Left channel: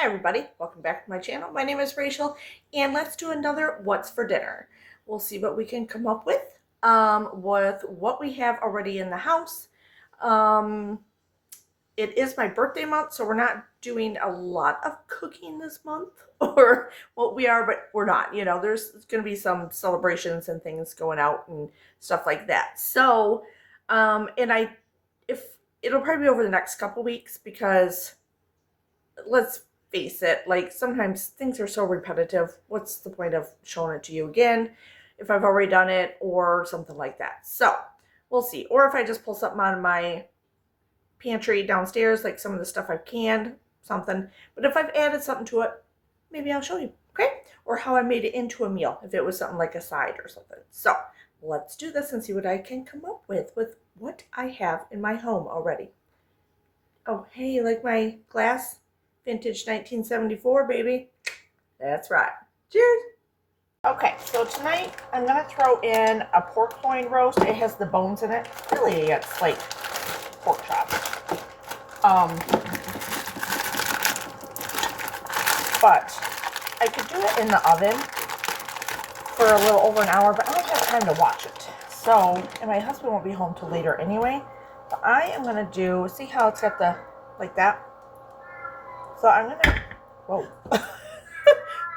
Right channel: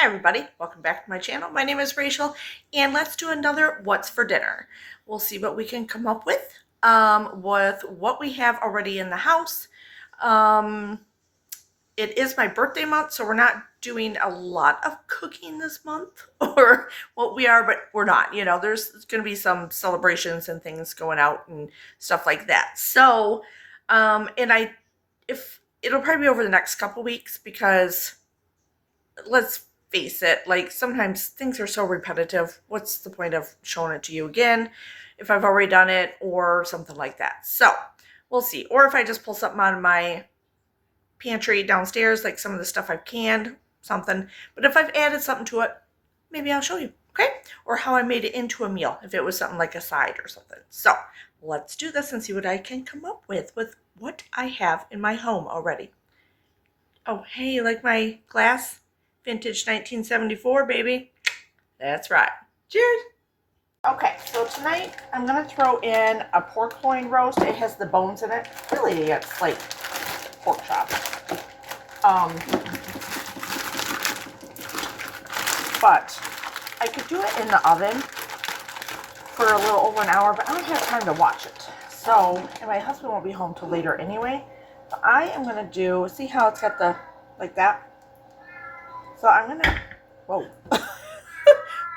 Hi everybody, welcome back to my channel. My name is Rachel and let's do another what's for dinner. We'll see what we can come up with what we have already in the house. It is my birthday month, so we're not doing a lot of cooking this month, or what we are, but we're not. You know, there's going to be some celebrations and things going out and stuff like that. So, if it'll probably be over the next couple weeks because let's face it, like sometimes things are so repetitive. What's the point of showing it to you again if I've already done it or something like that? So we'll see. Or if I just pull something out of my pantry downstairs, like some of the stuff I've canned, something. But if I've added something to it, maybe I'll show you, okay? Or how I made it into a meal, if it was something like a side or something. So let's do this and see what I can come up with what I have in my home already. Oh, hey, like my glass? Vintage 1974, baby. That's right. Cheers. Okay, so tonight I'm going to throw in a pork loin roast. It has the bones in it. Really, it's like pork chops. But I could do it in the oven for a little over an hour, but I don't have time to watch it. So, and my husband won't be home till later anyway. But I am going to do, see how it's got the, like that? So I'm going to, whoa,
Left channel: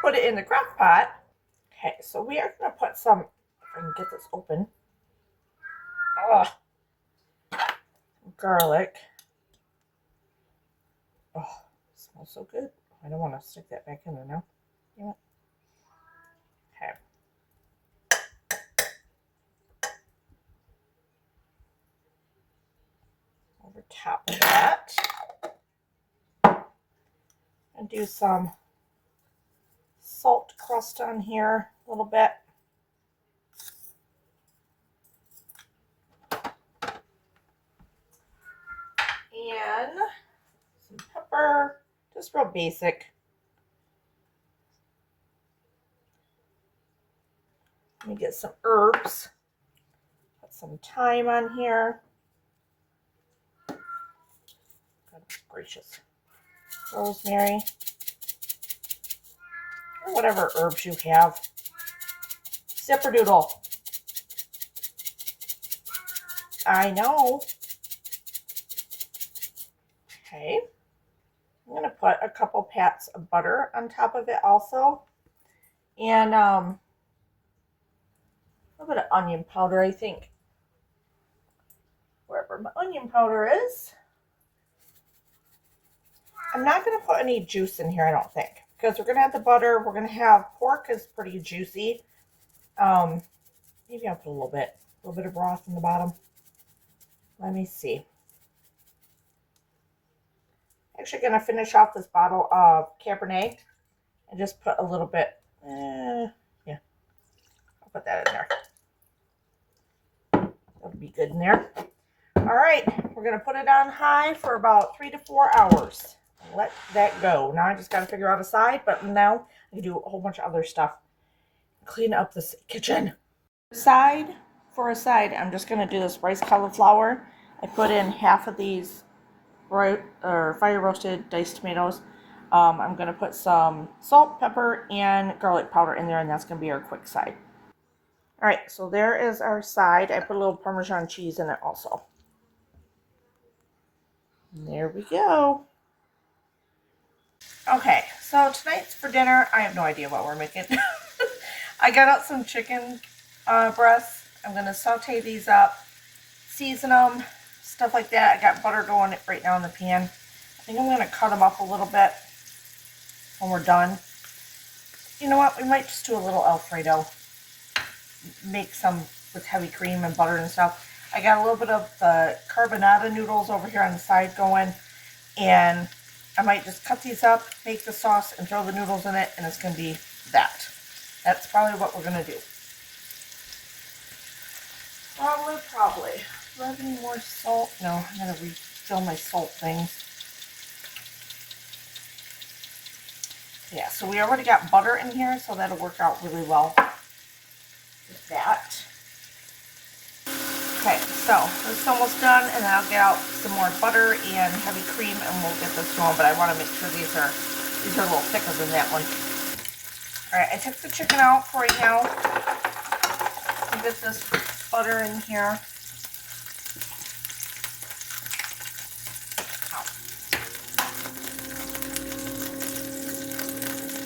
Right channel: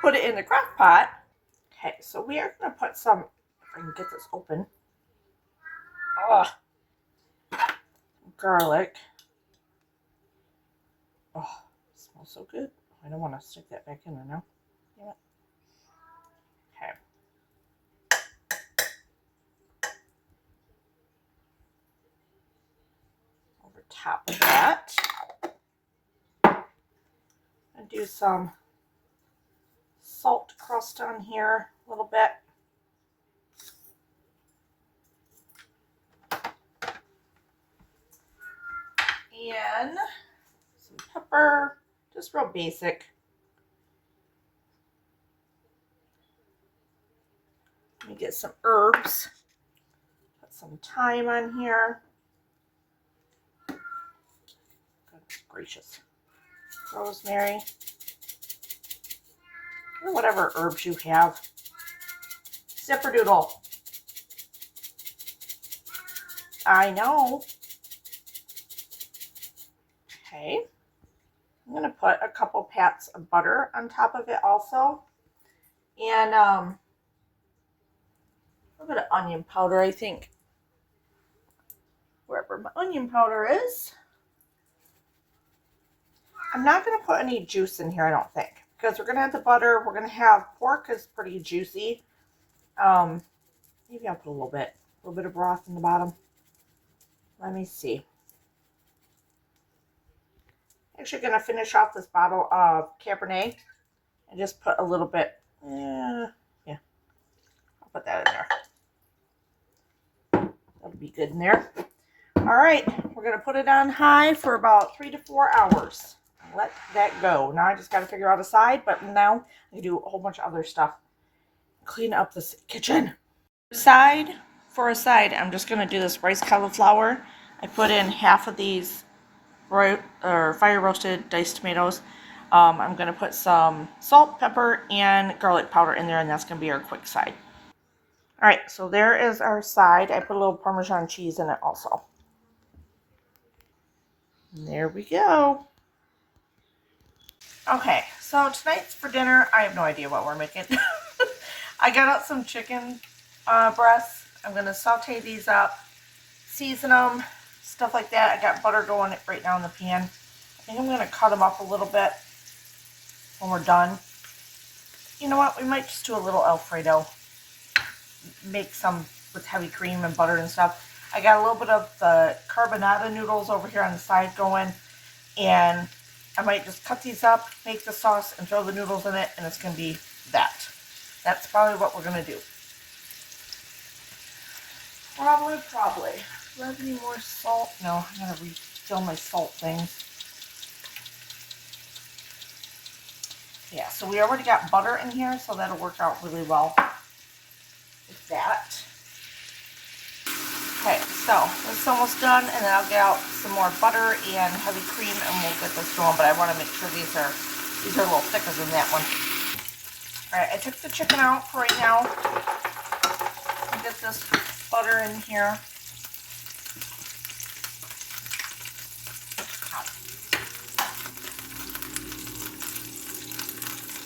put it in the crock pot. Okay, so we are going to put some, if I can get this open, garlic. Oh, it smells so good. I don't want to stick that back in there now. Okay. Over top of that, and do some salt crust on here a little bit. And some pepper, just real basic. Let me get some herbs. Put some thyme on here. Goodness gracious. Rosemary. Or whatever herbs you have. Zipperdoodle. I know. Okay. I'm going to put a couple pats of butter on top of it also. And a little bit of onion powder, I think. Wherever my onion powder is. I'm not going to put any juice in here, I don't think. Because we're going to have the butter. We're going to have pork is pretty juicy. Maybe I'll put a little bit of broth in the bottom. Let me see. Actually going to finish off this bottle of Cabernet and just put a little bit, yeah, I'll put that in there. That'll be good in there. All right, we're going to put it on high for about 3 to 4 hours. Let that go. Now I just got to figure out a side, but now I can do a whole bunch of other stuff. Clean up this kitchen. For a side, I'm just going to do this rice cauliflower. I put in half of these fire roasted diced tomatoes. I'm going to put some salt, pepper, and garlic powder in there, and that's going to be our quick side. All right, so there is our side. I put a little Parmesan cheese in it also. And there we go. Okay, so tonight's for dinner, I have no idea what we're making. I got out some chicken breasts. I'm going to saute these up, season them, stuff like that. I got butter going right now in the pan. I think I'm going to cut them up a little bit when we're done. You know what? We might just do a little Alfredo. Make some with heavy cream and butter and stuff. I got a little bit of the carbonara noodles over here on the side going. And I might just cut these up, make the sauce, and throw the noodles in it. And it's going to be that. That's probably what we're going to do. Probably. Do I have any more salt? No, I'm going to refill my salt things. Yeah, so we already got butter in here, so that'll work out really well with that. Okay, so this is almost done, and then I'll get out some more butter and heavy cream, and we'll get this going, but I want to make sure these are These are a little thicker than that one. Alright, I took the chicken out for right now. I'll get this butter in here.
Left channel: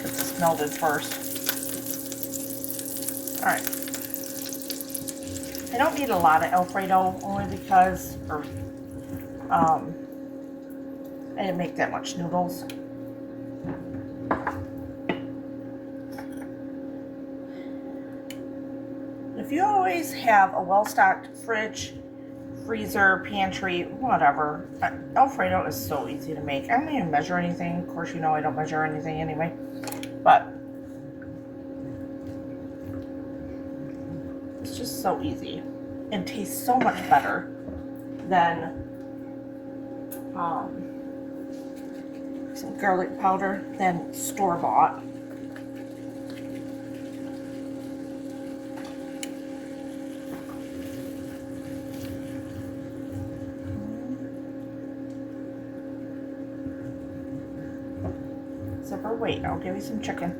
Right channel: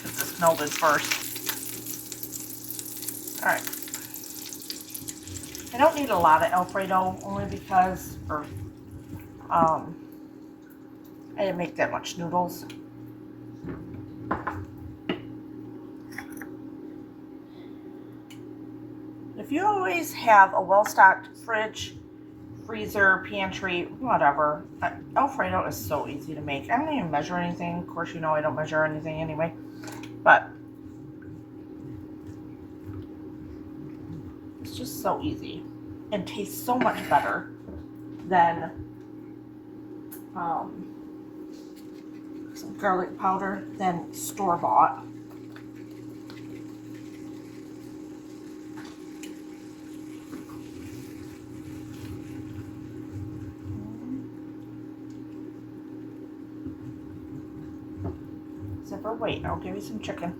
Get this melted first. Alright. I don't need a lot of Alfredo, only because, I didn't make that much noodles. If you always have a well-stocked fridge, freezer, pantry, whatever, Alfredo is so easy to make. I don't even measure anything. Of course, you know I don't measure anything anyway. But it's just so easy and tastes so much better than some garlic powder than store-bought. Zipper, wait, I'll give you some chicken.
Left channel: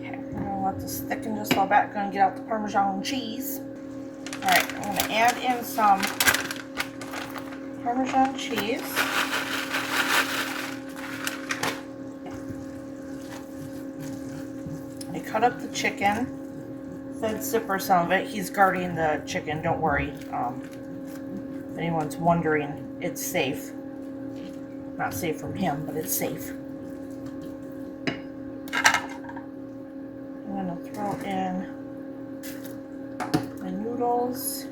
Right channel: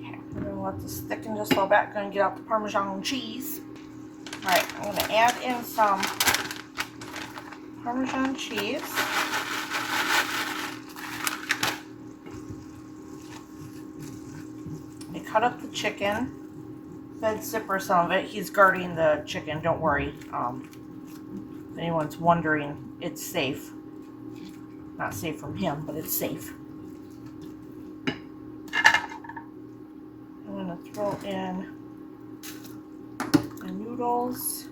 Okay, we're gonna let this thicken just a little bit. Gonna get out the Parmesan cheese. All right, I'm gonna add in some Parmesan cheese. I cut up the chicken. Fed Zipper some of it. He's guarding the chicken, don't worry. If anyone's wondering, it's safe. Not safe from him, but it's safe. I'm gonna throw in the noodles.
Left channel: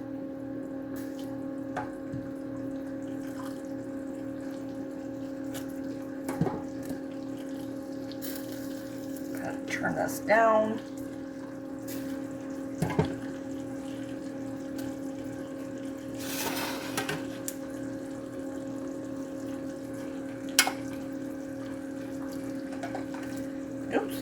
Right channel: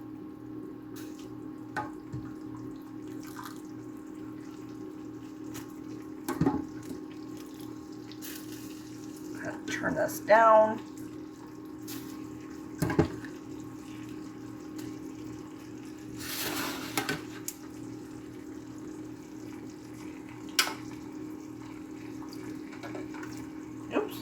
Turn this down. Oops.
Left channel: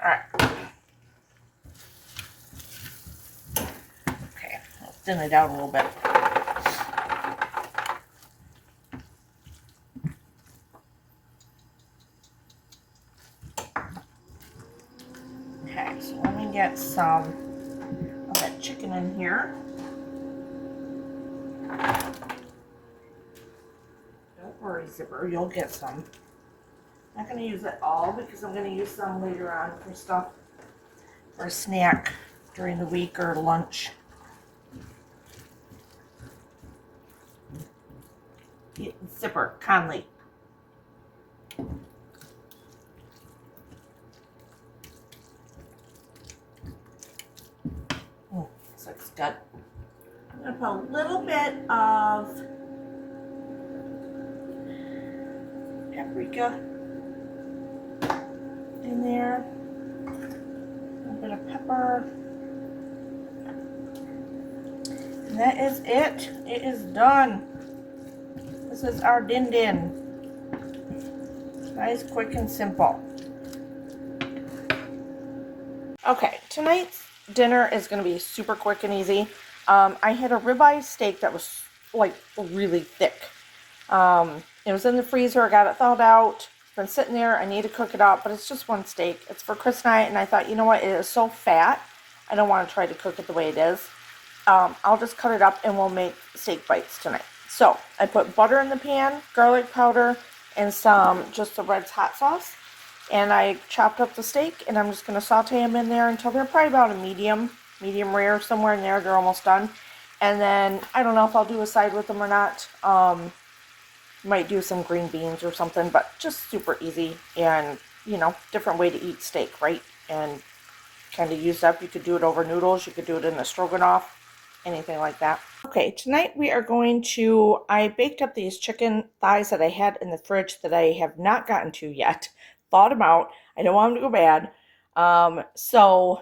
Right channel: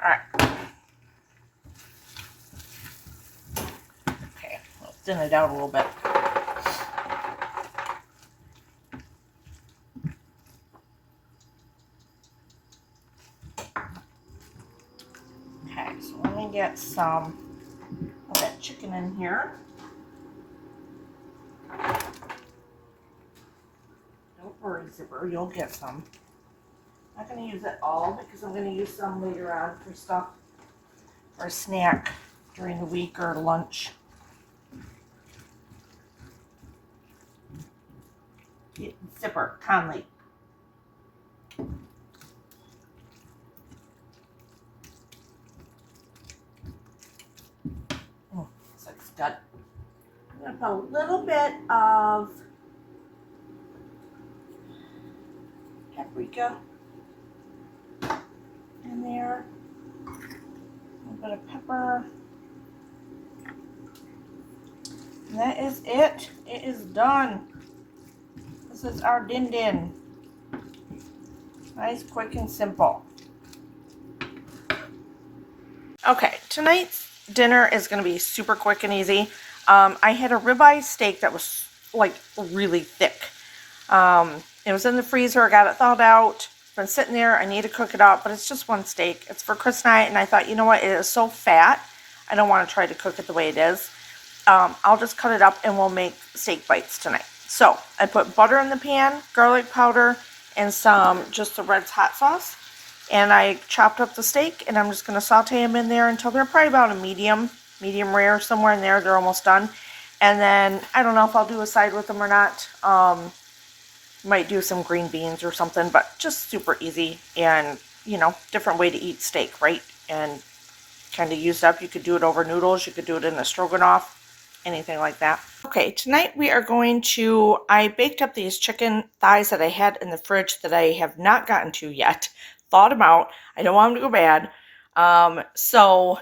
All right. Okay, I'll thin it out a little bit. Okay, so let me get some of that chicken in here. Don't worry, Zipper, you'll get some. I'm not going to use it all because I'm going to use some later on for stuff, for a snack during the week or lunch. Zipper, Conley. Oh, looks like it's good. I'm going to put a little bit of paprika in there. A little bit of pepper. And that is it. It is done. This is our din din. Nice, quick, and simple. Okay, tonight's dinner is going to be super quick and easy. I had a ribeye steak that was like really thick. It was in the freezer. I got it thawed out. It's been sitting there. I need to cook it up, but it's just one steak. It's for Chris and I, and I thought, you know what? It is so fat. I don't want to try to cook it the way it is. I'll just cut it up and we'll make steak bites tonight. So I put butter in the pan, garlic powder, and just the Red's hot sauce. And I chopped up the steak, and I'm just going to saute them in there until they're probably about a medium rare, somewhere in there. They're almost done. And then I don't know if I'll do a side with them or not. Might do some green beans or something, but just super easy and, you know, different way to eat steak, right? And kind of used up. You could do it over noodles. You could do it in a stroganoff, anything like that. Okay, tonight we are going to, I baked up these chicken thighs that I had in the fridge that I have not gotten to yet. Thawed them out. I don't want them to go bad. So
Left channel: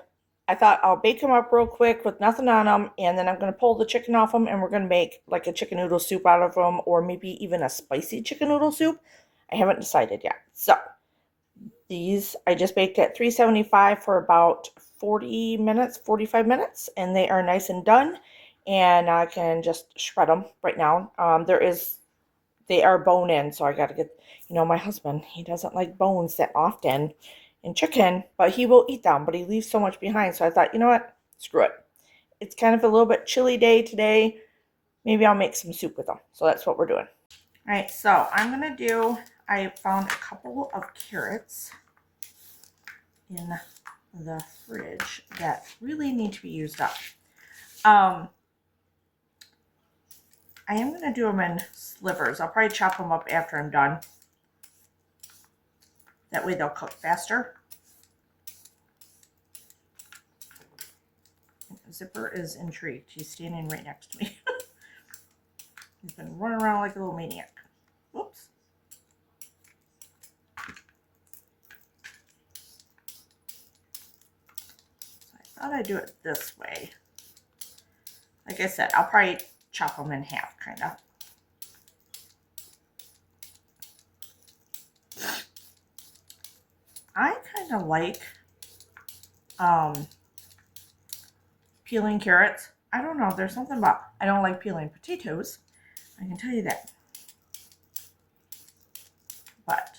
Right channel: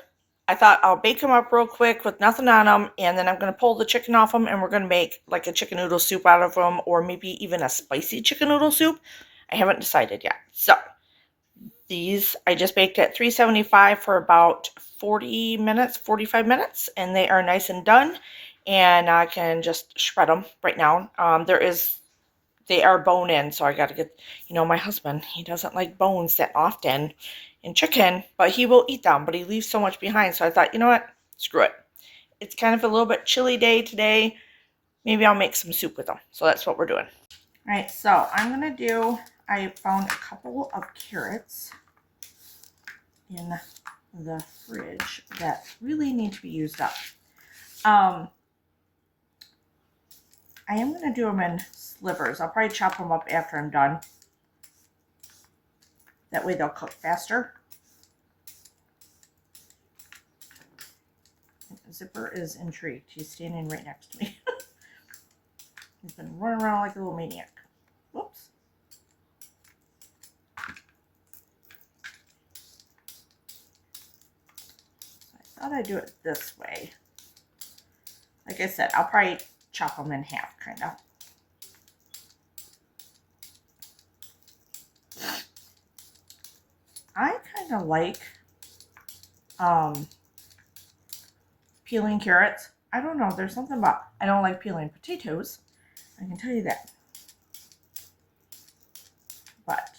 I thought I'll bake them up real quick with nothing on them, and then I'm going to pull the chicken off them, and we're going to make like a chicken noodle soup out of them, or maybe even a spicy chicken noodle soup. I haven't decided yet. So these. I just baked at 375 for about 40 minutes, 45 minutes, and they are nice and done. And I can just shred them right now. They are bone in, so I got to get, my husband, he doesn't like bones that often in chicken, but he will eat them, but he leaves so much behind. So I thought, you know what, screw it. It's kind of a little bit chilly day today. Maybe I'll make some soup with them. So that's what we're doing. All right, so I found a couple of carrots in the fridge that really need to be used up. I am going to do them in slivers. I'll probably chop them up after I'm done. That way they'll cook faster. Zipper is intrigued. He's standing right next to me. He's been running around like a little maniac. Whoops. I thought I'd do it this way. Like I said, I'll probably chop them in half, kind of. I kind of like peeling carrots. I don't know. There's something about, I don't like peeling potatoes. I can tell you that. But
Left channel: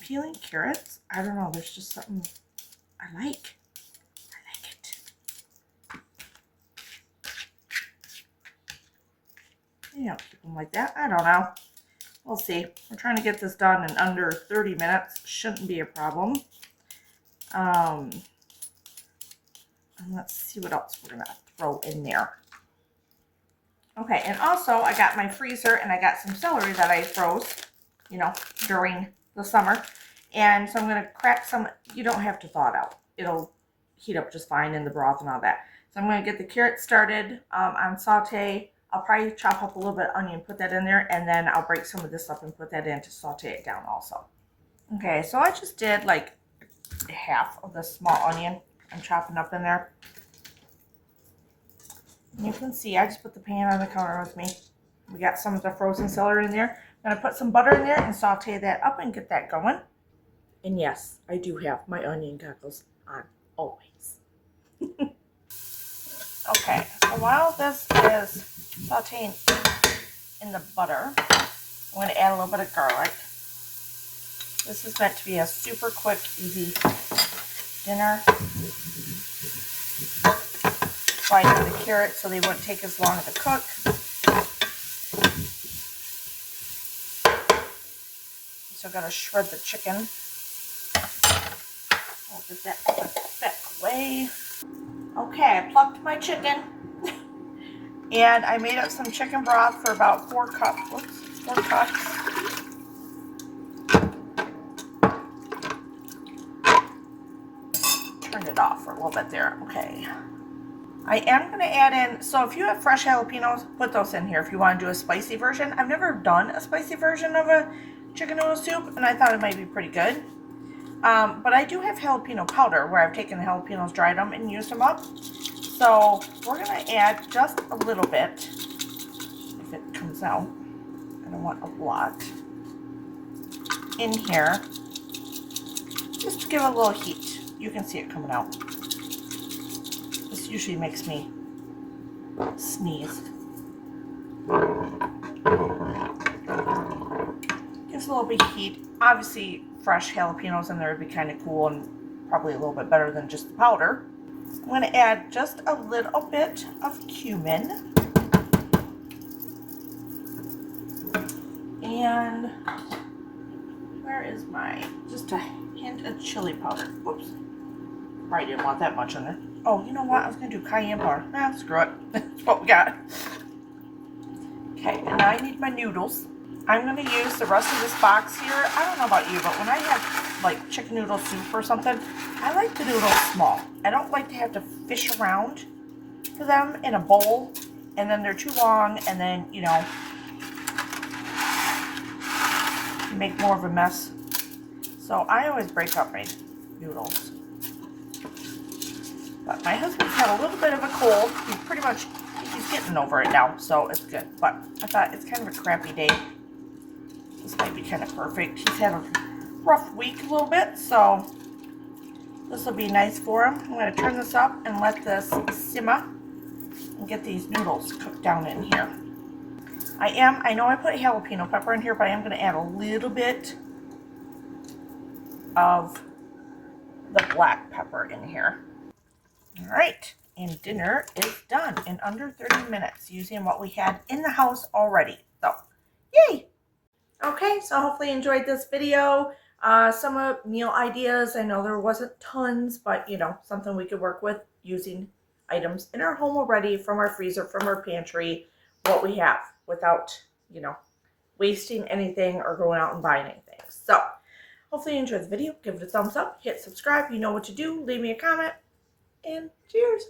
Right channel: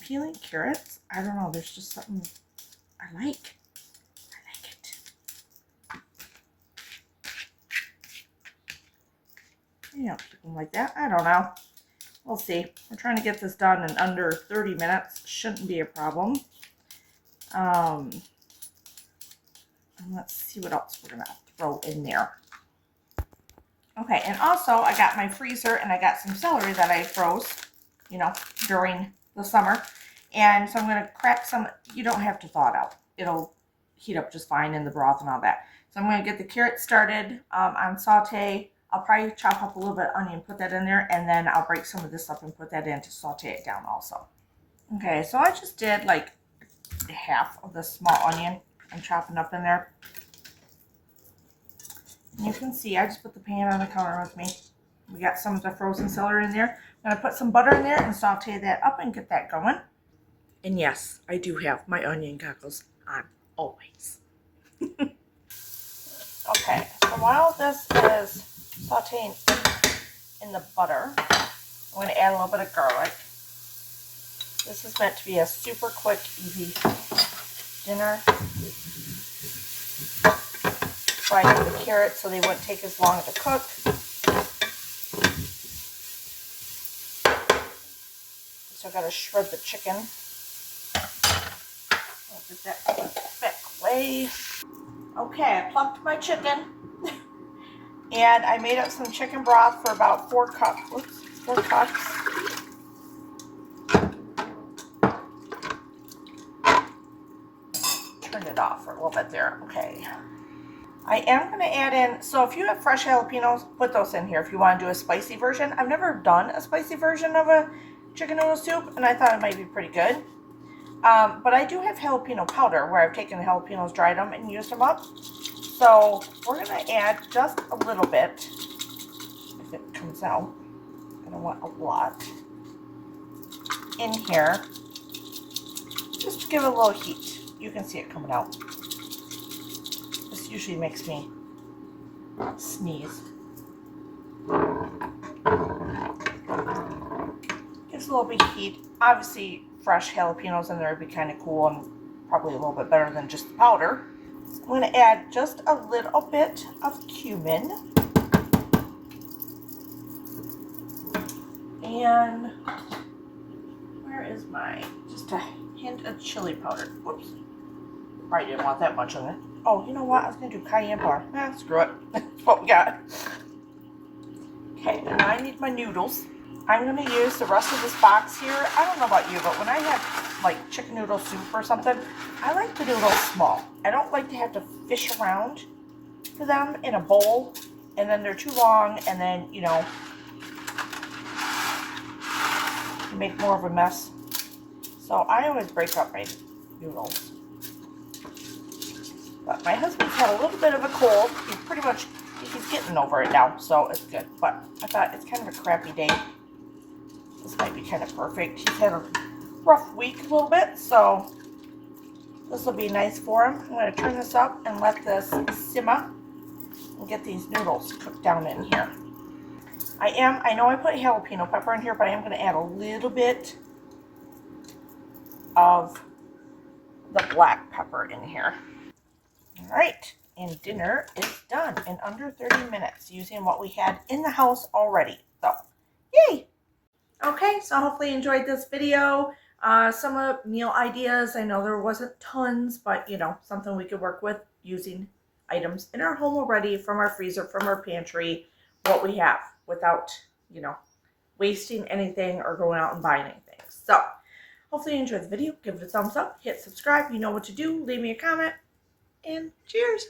peeling carrots, I don't know. There's just something I like. I like it. You don't keep them like that. I don't know. We'll see. We're trying to get this done in under 30 minutes. Shouldn't be a problem. And let's see what else we're going to throw in there. Okay, and also I got my freezer and I got some celery that I froze, during the summer. And so I'm going to crack some. You don't have to thaw it out. It'll heat up just fine in the broth and all that. So I'm going to get the carrots started on saute. I'll probably chop up a little bit of onion, put that in there, and then I'll break some of this up and put that in to saute it down also. Okay, so I just did like half of the small onion I'm chopping up in there. And you can see I just put the pan on the counter with me. We got some of the frozen celery in there. I'm going to put some butter in there and saute that up and get that going. And yes, I do have my onion goggles on always. Okay, so while this is sauteing in the butter, I'm going to add a little bit of garlic. This is meant to be a super quick, easy dinner. Fry the carrots so they wouldn't take as long to cook. So I've got to shred the chicken. I'll put that back away. Okay, I plucked my chicken. And I made up some chicken broth for about 4 cups. Whoops, 4 cups. Turn it off for a little bit there. Okay. I am going to add in, so if you have fresh jalapenos, put those in here if you want to do a spicy version. I've never done a spicy version of a chicken noodle soup, and I thought it might be pretty good. But I do have jalapeno powder where I've taken the jalapenos, dried them, and used them up. So we're going to add just a little bit, if it comes out. I don't want a lot in here, just to give it a little heat. You can see it coming out. This usually makes me sneeze. Gives a little bit of heat. Obviously, fresh jalapenos in there would be kind of cool and probably a little bit better than just the powder. I'm going to add just a little bit of cumin. And where is just a hint of chili powder. Whoops. Probably didn't want that much in there. Oh, you know what? I was going to do cayenne powder. Screw it. That's what we got. Okay, and now I need my noodles. I'm going to use the rest of this box here. I don't know about you, but when I have like chicken noodle soup or something, I like the noodles small. I don't like to have to fish around for them in a bowl, and then they're too long, and then, you make more of a mess. So I always break up my noodles. But my husband's had a little bit of a cold. He's getting over it now, so it's good. But I thought it's kind of a crappy day. This might be kind of perfect. He's had a rough week a little bit, so this will be nice for him. I'm going to turn this up and let this simmer and get these noodles cooked down in here. I know I put jalapeno pepper in here, but I am going to add a little bit of the black pepper in here. All right, and dinner is done in under 30 minutes using what we had in the house already. So, yay! Okay, so hopefully you enjoyed this video. Some meal ideas. I know there wasn't tons, but something we could work with using items in our home already from our freezer, from our pantry, what we have without, wasting anything or going out and buying anything. So, hopefully you enjoyed the video. Give it a thumbs up, hit subscribe. You know what to do. Leave me a comment, and cheers.